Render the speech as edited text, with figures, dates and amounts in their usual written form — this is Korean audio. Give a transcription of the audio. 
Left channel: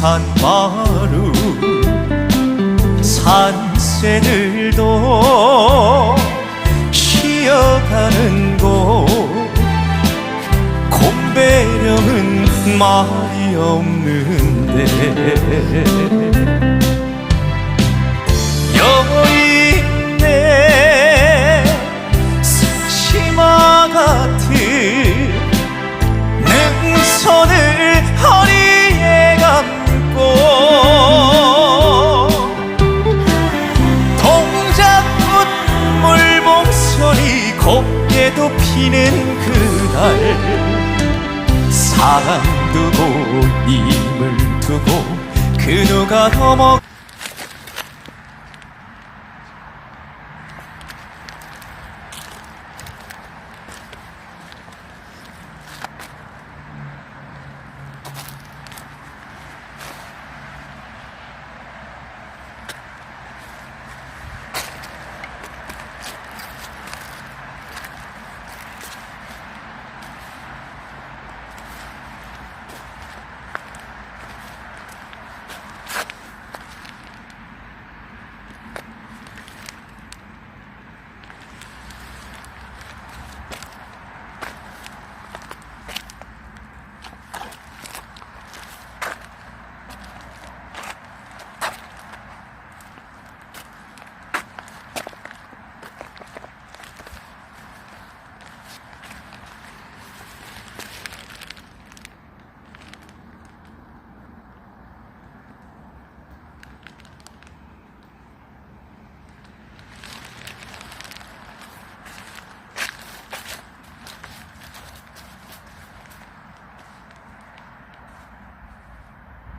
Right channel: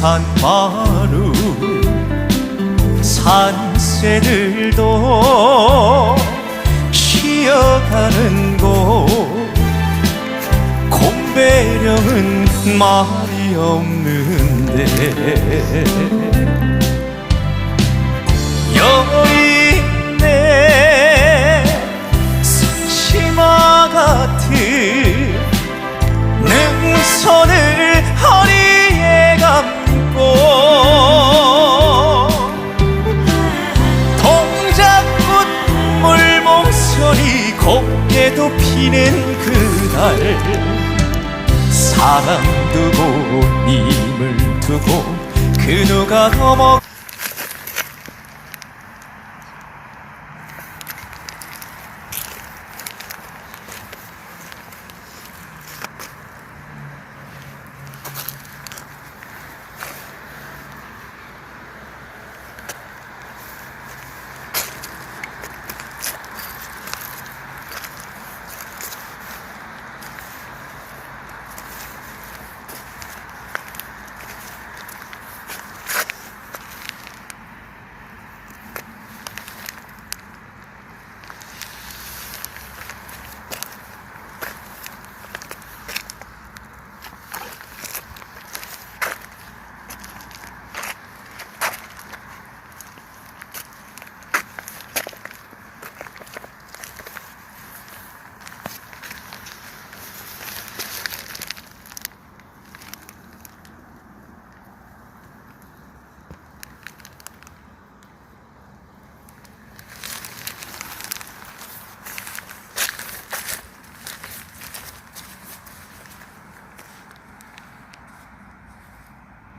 산마루 산새들도 쉬어가는 곳 곰배령은 말이 없는데 여인네 치마 같은 능선을 허리에 감고 동작꽃 물봉선이 곱게도 피는 그날 사랑 두고 님을 두고 그 누가 넘어가